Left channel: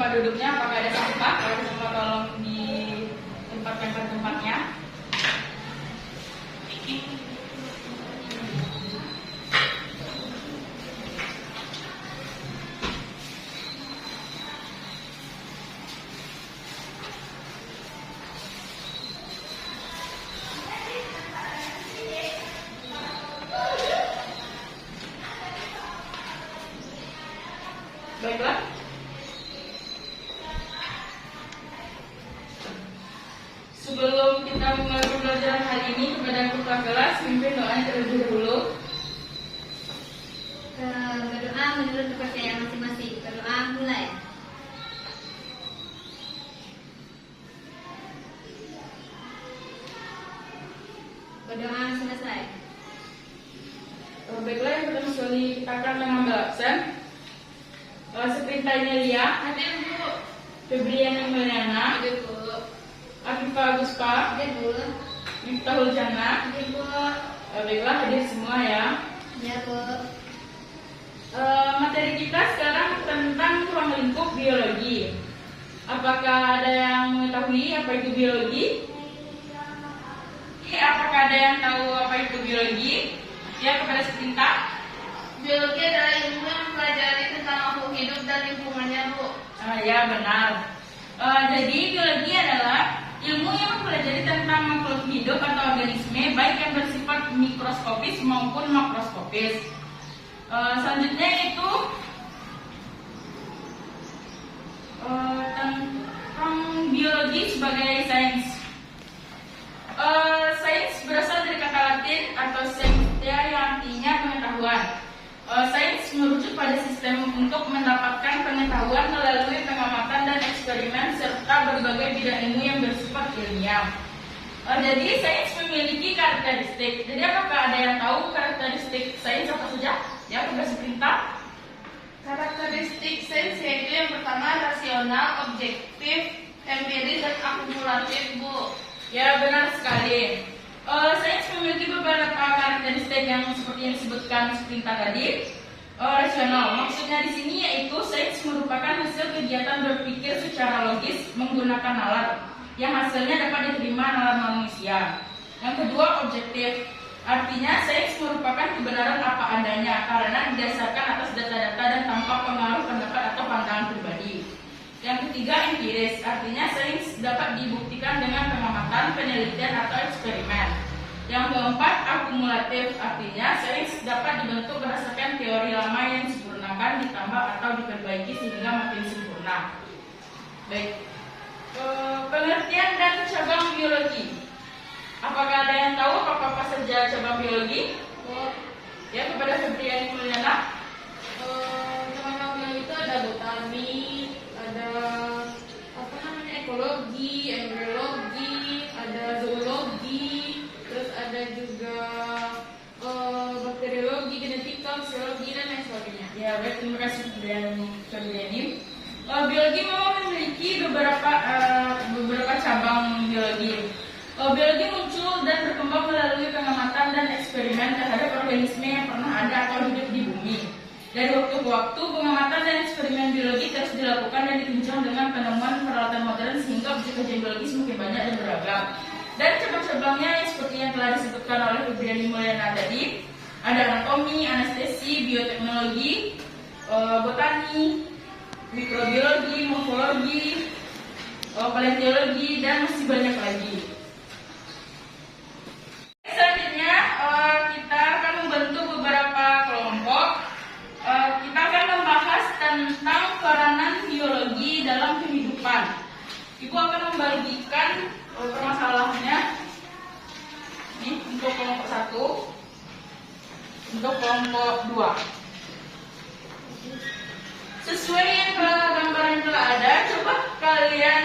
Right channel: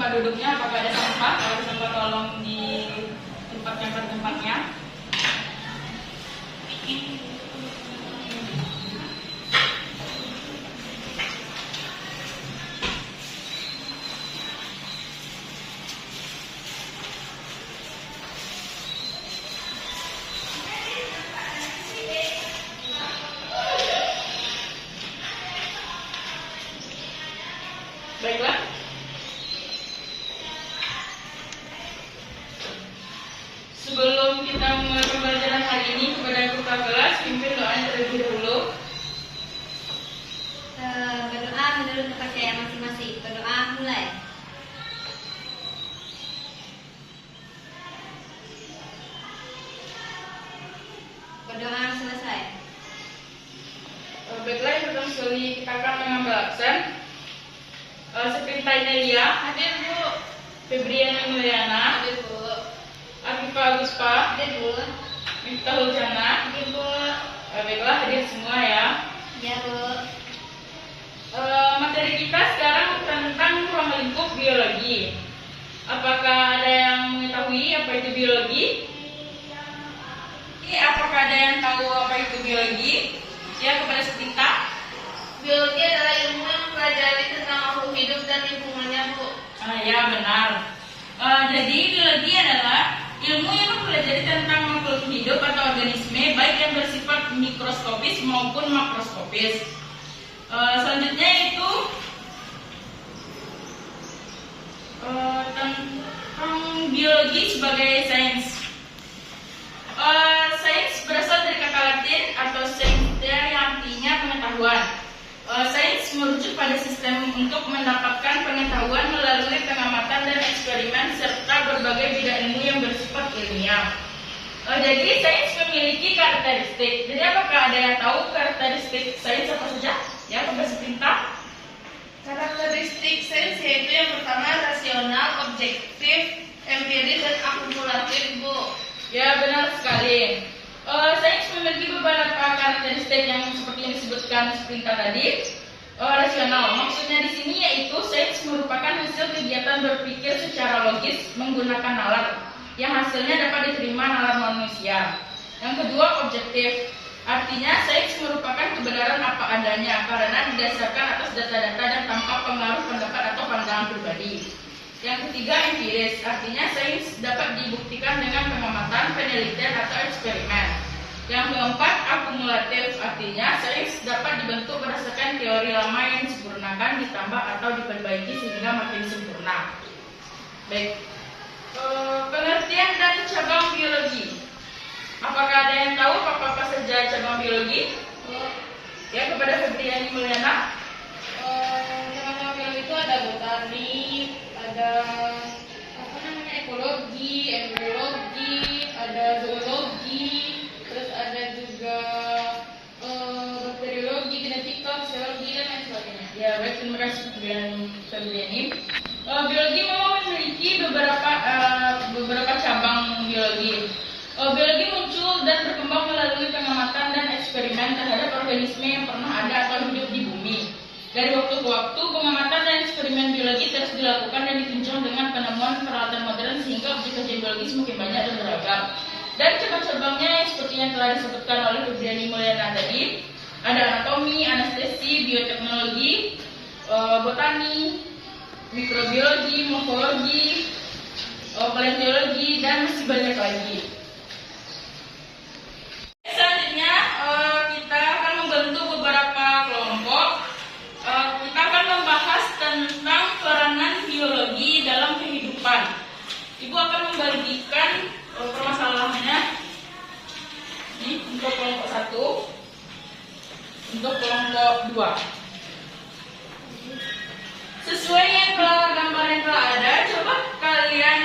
tempat duduknya, apakah ada sampah? Kalau ada sampah tolong ditempatkan ke tempatnya. Baiklah. Sebelum kita memulai pembelajaran hari ini, kepada kepala kelas, pimpin doanya terlebih dahulu. Berdoa menurut kepercayaan masing-masing. Berdoa mulai. Berdoa selesai. Baiklah, yang pertama sekali kita akan mengambil absen. Sepinta Inelia, Hadir Bu. Febriana Mulyana, Hadir Bu. Afifah Aguspa, Hadir Bu. Miftahul Jana. Hadir Bu. Baiklah, hadir semua ya. Ya Bu. Materi kita sekarang tentang ruang lingkup biologi. Apakah ada yang mengetahui apa itu biologi? Apakah ada yang tahu apa itu biologi? Ya, kepada Sepinta. Biologi adalah ilmu yang mempelajari tentang makhluk hidup dan lingkungannya Bu. Ya, benar. Jadi biologi adalah ilmu yang mempelajari tentang makhluk hidup atau organisme, baik yang bersifat mikroskopis maupun makroskopis. Selanjutnya itu tentang biologi sebagai sains. Sains berasal dari kata Latin atau scientia yang artinya pengetahuan. Sains merujuk pada sistem untuk mendapatkan pengetahuan melalui pengamatan dan eksperimen serta berbagai bidang ilmu yang bersifat ilmiah. Jadi sains memiliki karakteristik. Jadi apakah ada yang tahu karakteristik sains apa saja? Ya, kepada Sepinta. Karakteristik sains yaitu yang pertama rasional, objektif, empiris, dan akumulatif Bu. Ya, benar sekali. Sains memiliki beberapa karakteristik yang seperti yang disebutkan Sepinta tadi. Rasional, maksudnya di sini yaitu sains merupakan hasil kegiatan berpikir secara logis menggunakan nalar yang hasilnya dapat diterima nalar manusia. Yang kedua, objektif, artinya sains merupakan kebenaran apa adanya karena didasarkan atas data-data dan tanpa pengaruh pendapat atau pandangan pribadi. Yang ketiga, empiris, artinya sains dapat dibuktikan dengan pengamatan, penelitian atau eksperimen. Yang keempat, akumulatif, artinya sains dapat dibentuk berdasarkan teori lama yang disempurnakan, ditambah atau diperbaiki sehingga makin sempurna. Baik, pengertian dan cabang biologi. Apakah ada yang tahu apa saja cabang biologi? Ya, kepada Febriani Mulyana. Cabang biologi itu ada botani, ada ekologi, embriologi, ada zoologi, terus ada juga bakteriologi, genetika, fisiologi, dan lain sebagainya. Ya, baik, terima kasih Febriani. Biologi memang memiliki beberapa cabang biologi. Biologi muncul dan berkembang melalui pengamatan dan eksperimen terhadap organisme yang pernah ada atau hidup di bumi. Dari waktu ke waktu, pengamatan dan eksperimen biologi terus dilakukan dan ditunjang dengan penemuan peralatan modern sehingga objek kajian biologi semakin banyak dan beragam. Dan cabang-cabangnya seperti yang telah disebutkan oleh Febriani Mulyana tadi, ada anatomi, anestesi, bioteknologi, botani, mikrobiologi, morfologi, paleontologi, dan masih banyak lagi. Selanjutnya kita akan membentuk beberapa kelompok. Kita akan membahas tentang peranan biologi dalam kehidupan. Ibu akan membagikan permasalahannya ini untuk kelompok 1, untuk kelompok 2. Sesuai yang gambar yang telah ada, coba kalian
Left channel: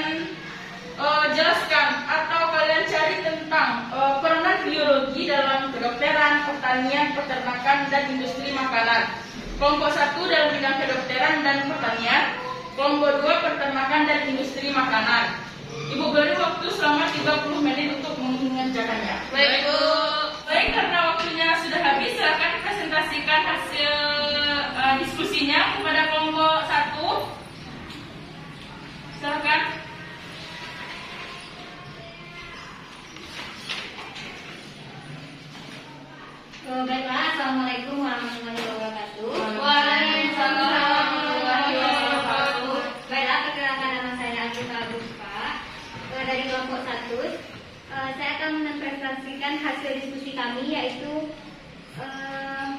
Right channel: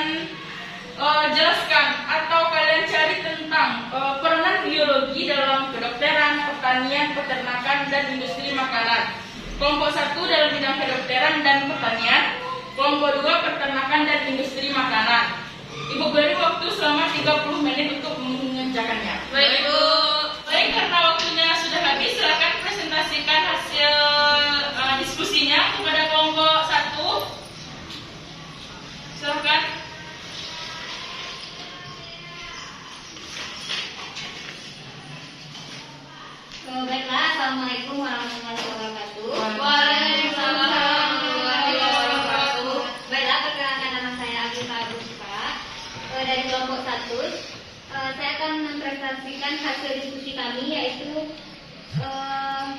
jelaskan atau kalian cari tentang peranan biologi dalam kedokteran, pertanian, peternakan, dan industri makanan. Kelompok 1 dalam bidang kedokteran dan pertanian, kelompok 2 peternakan dan industri makanan. Ibu beri waktu selama 30 menit untuk mengerjakannya. Baik Bu. Baik, karena waktunya sudah habis, silakan presentasikan hasil diskusinya kepada kelompok 1. Assalamualaikum warahmatullahi wabarakatuh. Waalaikumsalam warahmatullahi wabarakatuh. Baiklah, perkenalkan nama saya Agifah Buspa dari kelompok 1. Saya akan mempresentasikan hasil diskusi kami, yaitu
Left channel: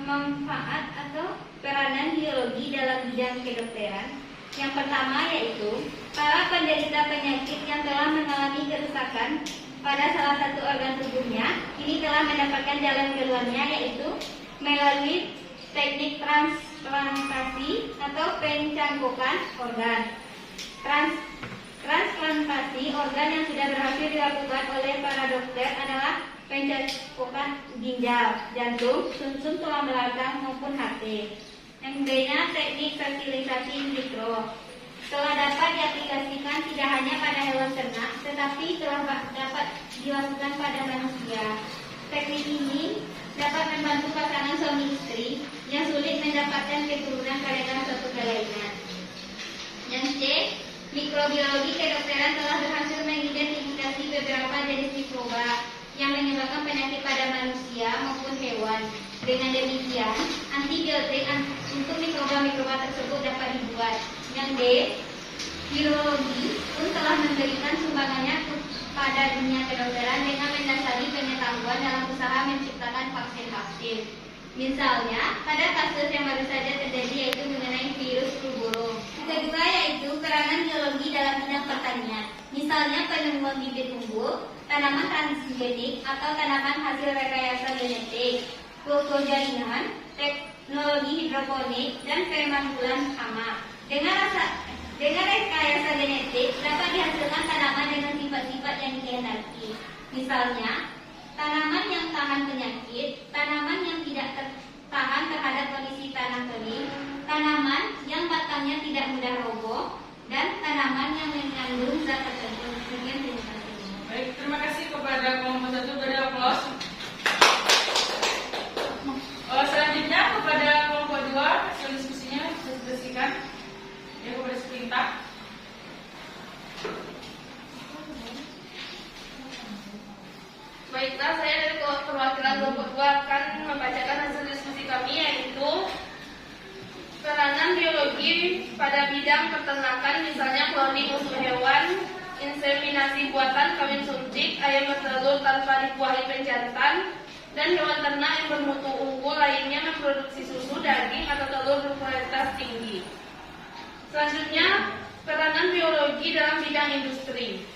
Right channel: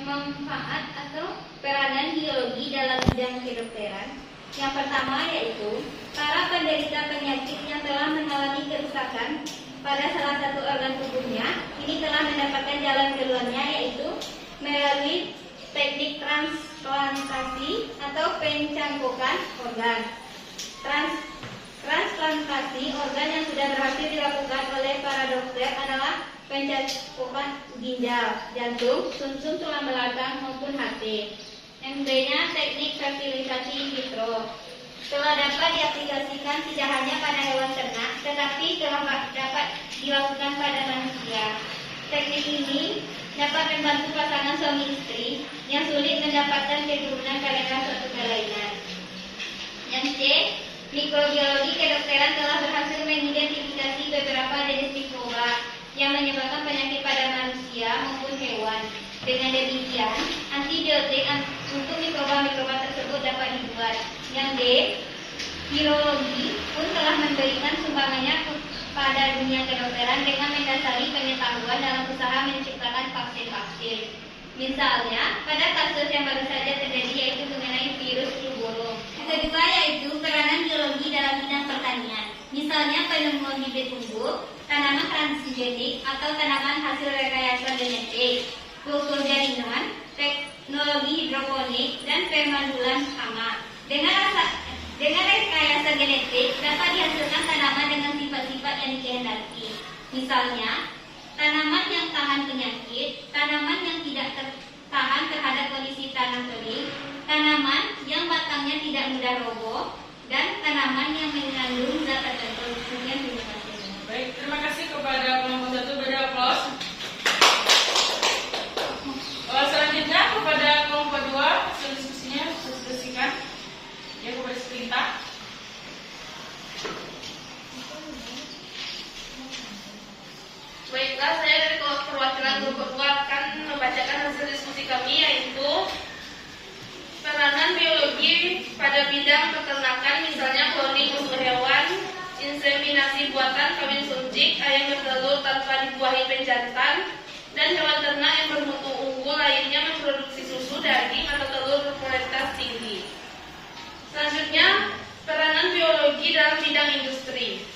manfaat atau peranan biologi dalam bidang kedokteran. Yang pertama yaitu para penderita penyakit yang telah mengalami kerusakan pada salah satu organ tubuhnya ini telah mendapatkan jalan keluarnya, yaitu melalui teknik transplantasi atau pencangkukan organ. Transplantasi organ yang sudah berhasil dilakukan oleh para dokter adalah pencangkukan ginjal, jantung, sumsum tulang belakang maupun hati. Yang B-nya teknik fertilisasi in vitro. Telah dapat diaplikasikan tidak hanya pada hewan ternak, tetapi telah dapat dilakukan pada manusia. Teknik ini dapat membantu pasangan suami istri yang sulit mendapatkan keturunan karena suatu kelainan. Yang C, mikrobiologi kedokteran telah berhasil mengidentifikasi beberapa jenis mikroba yang menyebabkan penyakit pada manusia maupun hewan. Dengan demikian, antibiotik untuk mikroba-mikroba tersebut dapat dibuat. Yang D, virologi pun telah memberikan sumbangannya pada dunia kedokteran dengan mendasari pengetahuan dalam usaha menciptakan vaksin-vaksin. Misalnya, pada kasus yang baru saja terjadi, yaitu mengenai virus flu burung. Yang kedua yaitu peranan biologi dalam bidang pertanian. Misalnya penemuan bibit unggul, tanaman transgenik atau tanaman hasil rekayasa genetik, kultur jaringan, teknologi hidroponik, dan pemandulan hama. Dengan rekayasa genetik dapat dihasilkan tanaman dengan sifat-sifat yang dikehendaki. Misalnya, tanaman yang tahan penyakit, tanaman yang tidak tahan terhadap kondisi tanah kering, tanaman yang batangnya tidak mudah roboh, dan tanaman yang mengandung zat tertentu. Sekian, terima kasih. Baik, terima kasih kepada kelompok 1. Beri aplaus. Selanjutnya kepada kelompok 2, hasil diskusinya diskusikan. Ya, kepada seperintah. Baiklah, saya dari perwakilan kelompok 2 akan membacakan hasil diskusi kami, yaitu peranan biologi pada bidang peternakan, misalnya cloning untuk hewan, inseminasi buatan, kawin suntik, ayam bertelur tanpa dibuahi penjantan, dan hewan ternak yang bermutu unggul lainnya memproduksi susu, daging, atau telur berkualitas tinggi. Selanjutnya, peranan biologi dalam bidang industri.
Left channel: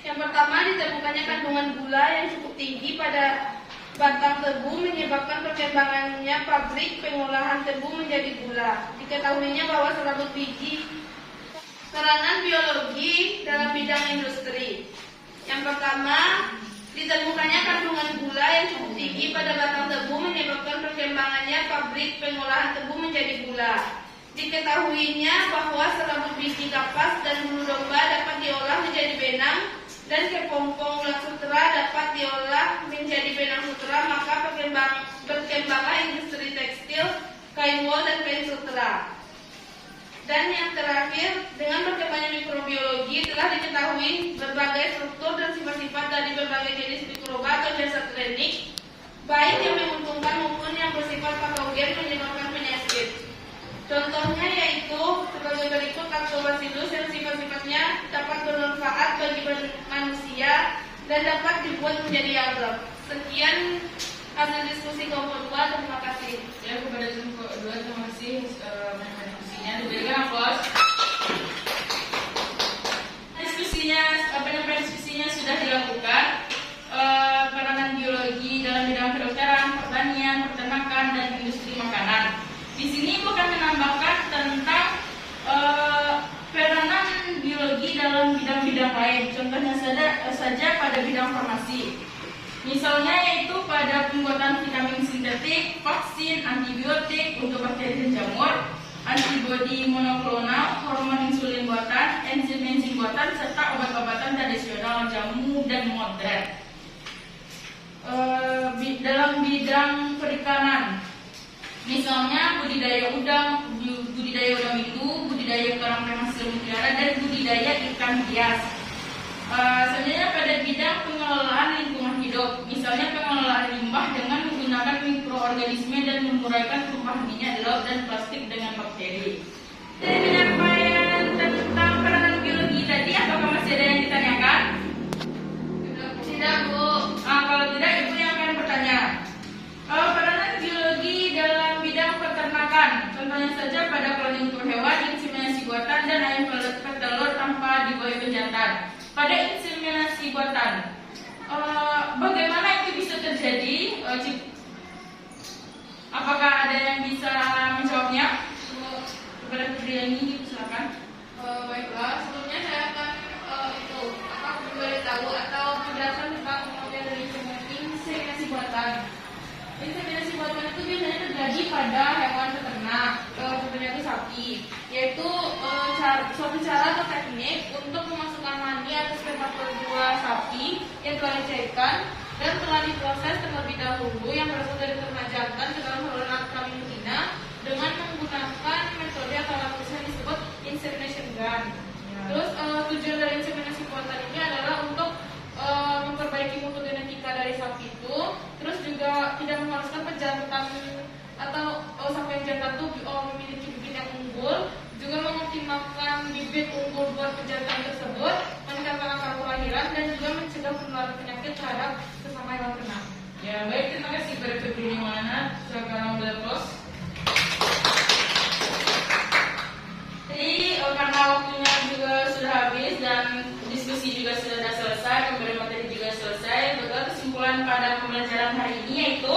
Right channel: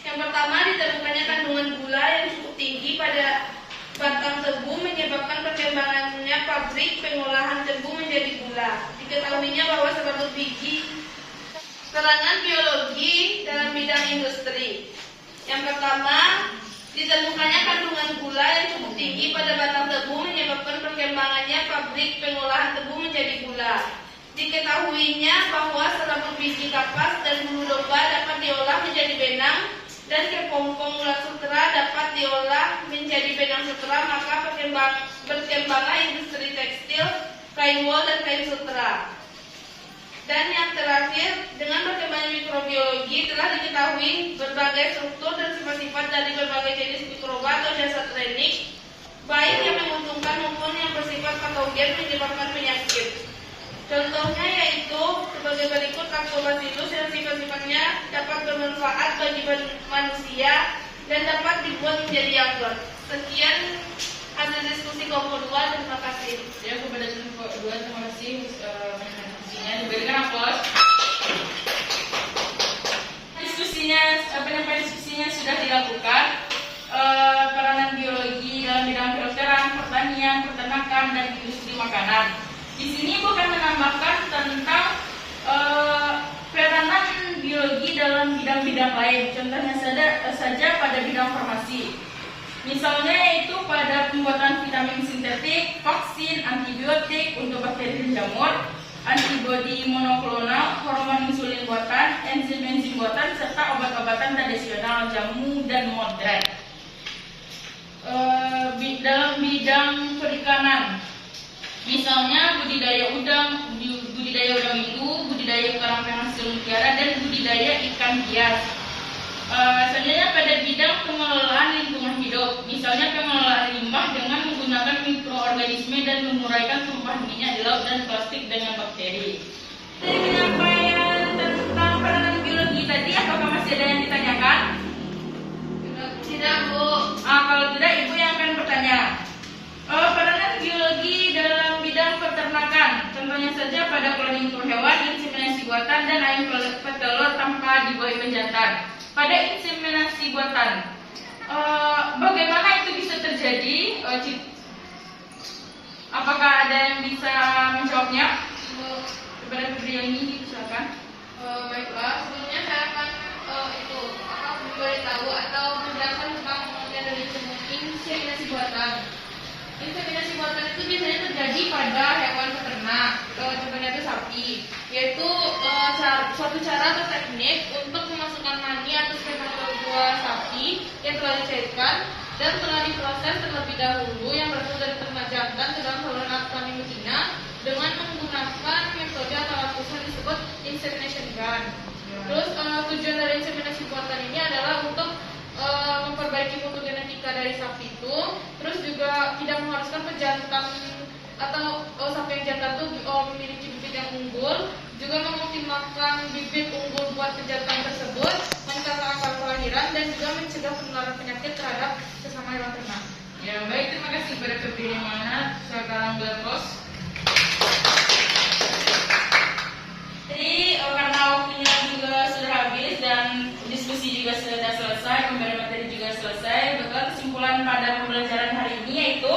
Yang pertama, ditemukannya kandungan gula yang cukup tinggi pada batang tebu menyebabkan perkembangannya pabrik pengolahan tebu menjadi gula. Diketahuinya bahwa serabut biji. Peranan biologi dalam bidang industri. Yang pertama, ditemukannya kandungan gula yang cukup tinggi pada batang tebu menyebabkan perkembangannya pabrik pengolahan tebu menjadi gula. Diketahuinya bahwa serabut biji kapas dan bulu domba dapat diolah menjadi benang, dan kepompong ulat sutera dapat diolah menjadi benang sutera, maka berkembanglah industri tekstil, kain wol, dan kain sutera. Dan yang terakhir, dengan berkembangnya mikrobiologi telah diketahui berbagai struktur dan sifat-sifat dari berbagai jenis mikroba atau jasad klinik, baik yang menguntungkan maupun yang bersifat patogen menyebabkan penyakit. Contohnya yaitu sebagai berikut: Lactobacillus yang sifat-sifatnya dapat bermanfaat bagi manusia dan dapat dibuat menjadi yogurt. Sekian hasil diskusi kelompok 2, terima kasih. Ya, kepada kelompok 2, terima kasih mendengar diskusinya. Diberikan aplaus. Penyampaian diskusinya sudah dilakukan. Peranan biologi dalam bidang kedokteran, pertanian, peternakan, dan industri makanan. Di sini bukan menambahkan tentang peranan biologi dalam bidang-bidang lain. Contohnya saja pada bidang farmasi. Misalnya yaitu pada pembuatan vitamin sintetik, vaksin, antibiotik untuk bakteri dan jamur, antibodi monoklonal, hormon insulin buatan, enzim-enzim buatan, serta obat-obatan tradisional, jamu, dan modern. Dalam bidang perikanan, misalnya budidaya udang biru, budidaya kerang hasil mutiara, dan budidaya ikan hias. Selanjutnya pada bidang pengelolaan lingkungan hidup, misalnya pengelolaan limbah dengan menggunakan mikroorganisme dan menguraikan tumpahan minyak di laut dan plastik dengan bakteri. Dari penyampaian tentang peranan biologi tadi, apakah masih ada yang ditanyakan? Tidak, Bu. Kalau tidak, Ibu yang akan bertanya. Peranan biologi dalam bidang peternakan, contohnya saja pada cloning untuk hewan, inseminasi buatan, dan ayam petelur tanpa dibuai penjantan. Pada inseminasi buatan, bagaimana itu bisa terjadi? Apakah ada yang bisa menjawabnya? Kepada Febriani, silakan. Baiklah, sebelumnya saya akan memberitahu atau menjelaskan tentang pengertian dari inseminasi buatan. Inseminasi buatan itu biasanya terjadi pada hewan peternak, contohnya itu sapi, yaitu suatu cara atau teknik untuk memasukkan mani atau spermatozoa sapi yang telah dicairkan dan telah diproses terlebih dahulu yang berasal dari ternak jantan ke dalam saluran alkali betina dengan menggunakan metode atau alat khusus yang disebut insemination gun. Terus tujuan dari inseminasi buatan ini adalah untuk memperbaiki mutu genetika dari sapi itu, terus juga tidak mengharuskan pejantan atau sapi yang jantan itu memiliki bibit yang unggul, juga mengoptimalkan bibit unggul buat pejantan tersebut, meningkatkan angka kelahiran dan juga mencegah penularan penyakit terhadap sesama hewan ternak. Ya, baik, terima kasih kepada Febriani Mana. Sekarang boleh close. Jadi karena waktunya juga sudah habis dan diskusi juga sudah selesai, pemberian materi juga selesai, maka kesimpulan pada pembelajaran hari ini yaitu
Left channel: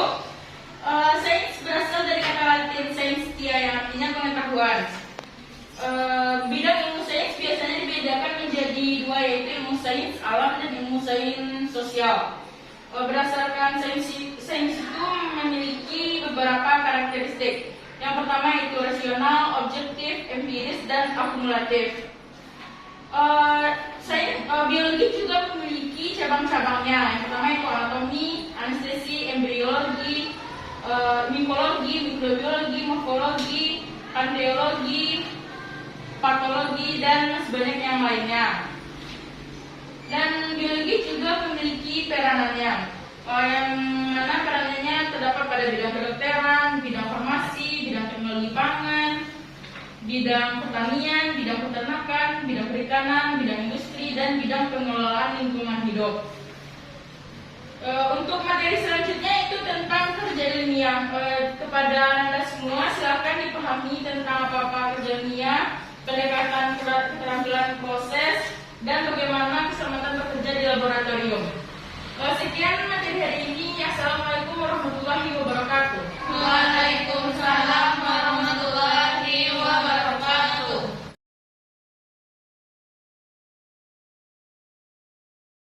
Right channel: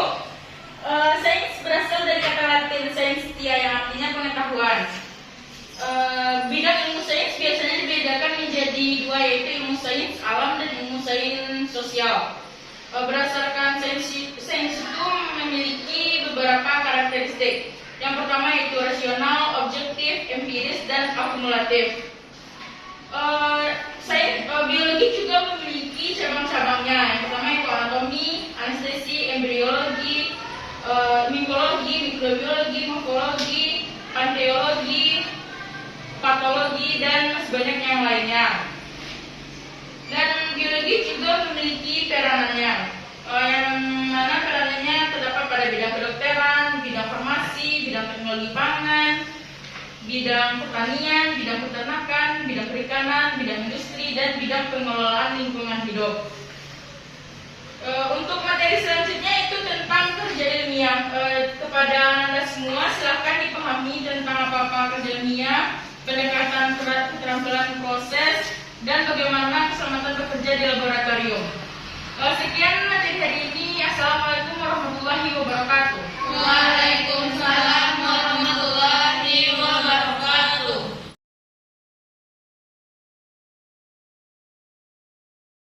sains berasal dari kata Latin scientia yang artinya pengetahuan. Bidang ilmu sains biasanya dibedakan menjadi dua, yaitu ilmu sains alam dan ilmu sains sosial. Berdasarkan sains itu memiliki beberapa karakteristik. Yang pertama yaitu rasional, objektif, empiris, dan akumulatif. Biologi juga memiliki cabang-cabangnya. Yang pertama itu anatomi, anestesi, embriologi, mimologi, mikrobiologi, morfologi, paleontologi, patologi, dan sebanyak yang lainnya. Dan biologi juga memiliki peranannya, yang mana peranannya terdapat pada bidang kedokteran, bidang farmasi, bidang teknologi pangan, bidang pertanian, bidang peternakan, bidang perikanan, bidang industri, dan bidang pengelolaan lingkungan hidup. Untuk materi selanjutnya itu tentang kerja ilmiah. Kepada Anda semua silakan dipahami tentang apa-apa kerja ilmiah, pendekatan keterampilan proses, dan bagaimana keselamatan bekerja di laboratorium. Sekian materi hari ini. Assalamualaikum warahmatullahi